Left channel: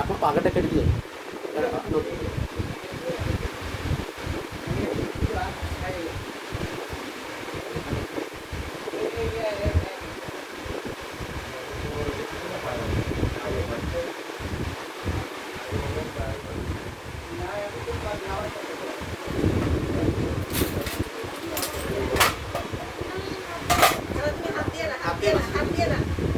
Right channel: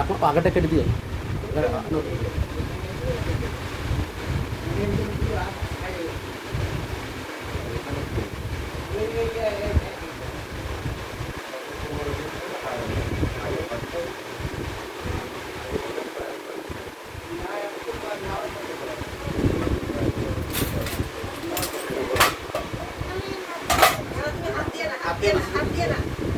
এখন পাখাটা কেটে দিয়ে Yeah.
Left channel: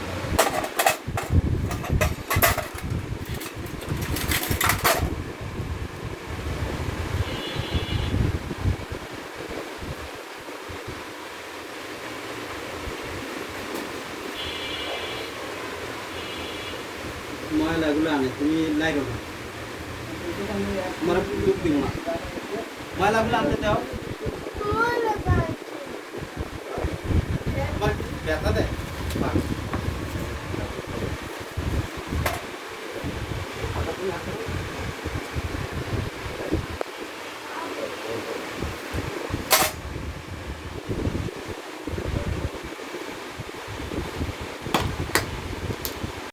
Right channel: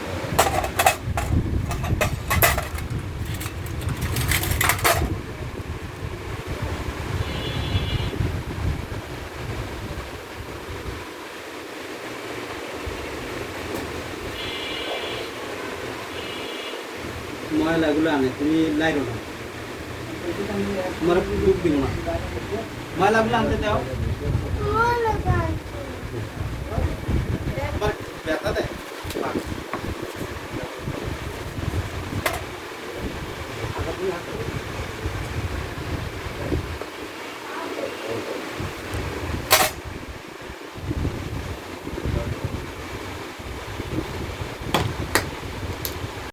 ময়লা গুলো আনে তুমি লাইব না মরা খুব দিব না ময়লা গুলো আনতে যাও ময়লা গায় বাট দেখা দে